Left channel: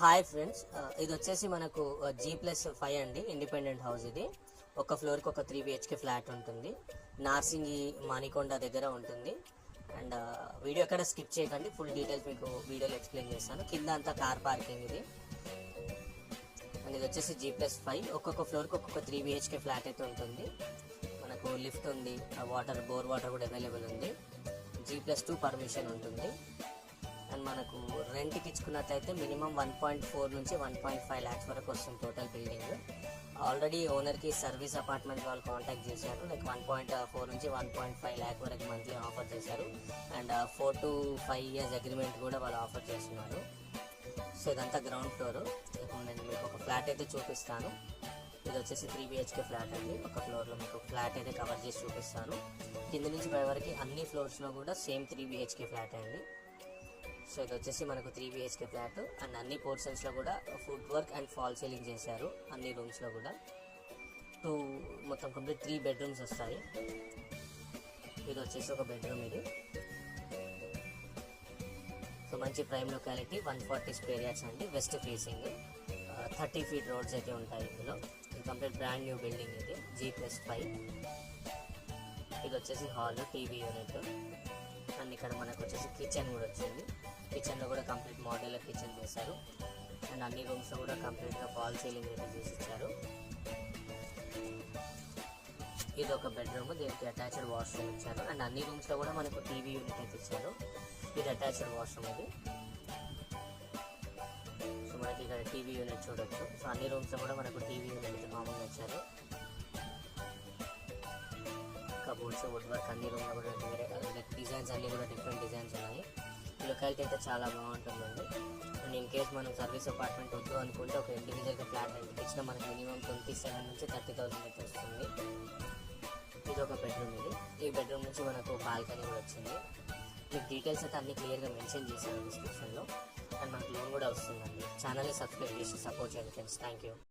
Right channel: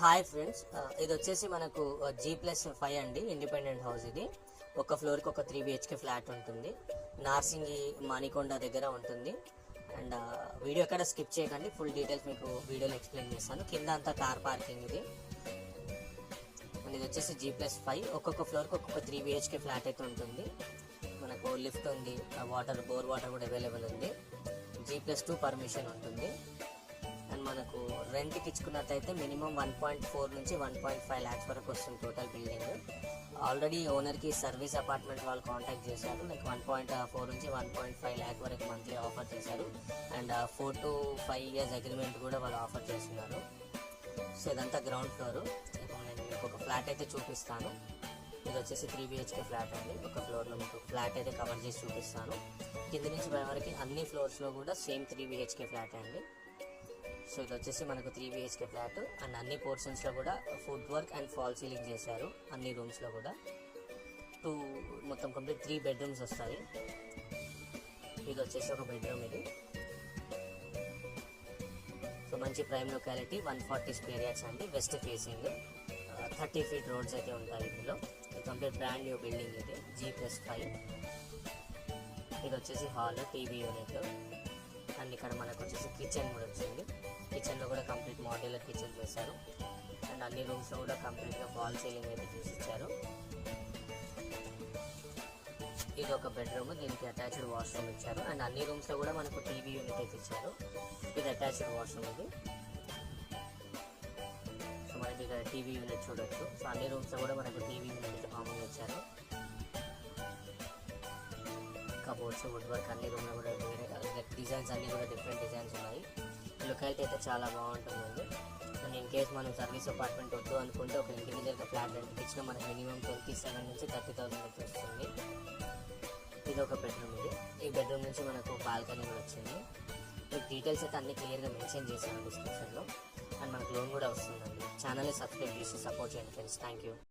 Hi friends, ఇది వచ్చేసి మనకు G+5 అండి. ఇండిపెండెంట్ హౌస్ ఇది. ఒక ఫ్లోర్కి ఒక 3 BHK ఫ్లాట్ ఉంటుంది. నార్సింగి మానికొండ దగ్గర ఉంటుంది. అండ్ వీడియో ఎక్కడ స్కిప్ చేయకండి, ఫుల్ డీటెయిల్స్ మీకు వీడియోలో ఎక్స్ప్లెయిన్ చేస్తాను. కింద అంతా కార్ పార్కింగ్ ఇది. అండ్ ఇది వచ్చేసి G+5. ఒక్కొక్క ఫ్లోర్కి ఒక్కొక్క 3 BHK ఫ్లాట్ అయితే ఉంటుంది. మనకు లిఫ్ట్ ఉంది, బోర్ వాటర్ కూడా అవైలబుల్ ఉంది. G+2 పర్మిషన్ ఉంటుంది. అండ్ మనకు రెంట్కి ఇచ్చుకున్నట్లయితే మినిమం 1.4 నుంచి 1.5 lakhs వరకు వస్తుంది టోటల్ బిల్డింగ్. ఆల్రెడీ ఓనర్కి సర్వీస్ అపార్ట్మెంట్ వాళ్ళు కాంటాక్ట్ చేశారు. లైక్ 1.4 నుంచి 1.5 lakh వరకు మంత్లీ ఆఫర్ చేశారు. అండ్ 4 to 5 years అగ్రిమెంట్ కూడా వాళ్ళు ఆఫర్ చేస్తున్నారు. సో ఇదంతా గ్రౌండ్ ఫ్లోర్. ఇప్పుడు నేను మీకు ఒక ఫ్లాట్ అయితే చూపిస్తాను. ఇది వచ్చేసి 3 BHK ఫ్లాట్ అండి. ఒక ఫ్లోర్లో మీకు ఫ్లాట్ అయితే కవర్ చేసి చూపిస్తాను. కింద నుంచి పై వరకు అన్ని ఫ్లోర్స్లో కూడా సేమ్ 3 BHK ఫ్లాట్ అండి. సో ఇది వచ్చేసి మనకు 3 BHK ఫ్లాట్. అండ్ అన్ని పోర్షన్స్లో కూడా food work and fall ceiling చేశారు. అన్ని రూమ్స్లో కూడా మొత్తం కంప్లీట్ 3 bedrooms వస్తాయి. ఇది వచ్చేసి ఒక బెడ్రూమ్ ఇది. సో మంచి ప్రైమ్ లొకాలిటీ, 140 square yards అండి. వెస్ట్ ఫేసింగ్, 30 feet రోడ్స్ అయితే ఉంటాయి ఇందులో. ఇది కంప్లీట్ బ్రాండ్ న్యూ బిల్డింగ్ ఇది, G+5. ఇది వచ్చేసి హాల్, టీవీ యూనిట్. అండ్ ఇక్కడ మనకు వచ్చేసి కిచెన్ కూడా వచ్చింది. కిచెన్లో కూడా కంప్లీట్ మోడ్యులర్ కిచెన్ చేశారు. అండ్ అన్ని రూమ్స్లో కూడా కంప్లీట్గా ఫాల్ సీలింగ్ అయితే తీసిచ్చారు. ఇది ఒక బెడ్రూమ్, దీనికి అటాచ్డ్ వాష్రూమ్ ఇచ్చారు. అండ్ అన్ని రూమ్స్లో కూడా మనకు టీవీ యూనిట్ అయితే ఇచ్చారు. ఇది అటాచ్డ్ వాష్రూమ్ ఇది. సో మనకి ఇక్కడ టీవీ యూనిట్ చూడొచ్చు. సో అన్ని రూమ్స్లో కూడా మనకు టీవీ యూనిట్ అయితే మామూలుగా వచ్చారు. కబోర్డ్స్, వుడ్ వర్క్ అన్ని రూమ్లో కూడా డిజైన్స్ అన్నీ కూడా డిఫరెంట్ డిజైన్స్ ఉన్నాయి. లొకాలిటీ అయితే చాలా బాగుంటుందండి. అండ్ ఇన్ కేస్ మనం సర్వీస్ అపార్ట్మెంట్ వద్దు అనుకుంటే ఒక ఇండివిజువల్గా ఫ్లాట్ రెంట్కి ఇచ్చిన మనకి మినిమం 27 నుంచి 30,000 అయితే వస్తుంది. ఇది ఒక బెడ్రూమ్ ఇది. ఈ బెడ్రూమ్ నుంచి మనకు బాల్కనీ కూడా వచ్చింది. మీకు డీటెయిల్స్ అయితే అన్ని క్లియర్గా మెన్షన్ చేశాను డిస్క్రిప్షన్లో. అండ్ మనకు లోన్ కూడా వస్తుందండి. ఛానల్ని సబ్స్క్రైబ్ చేసి సపోర్ట్ చేయండి ఫ్రెండ్స్. Thank you.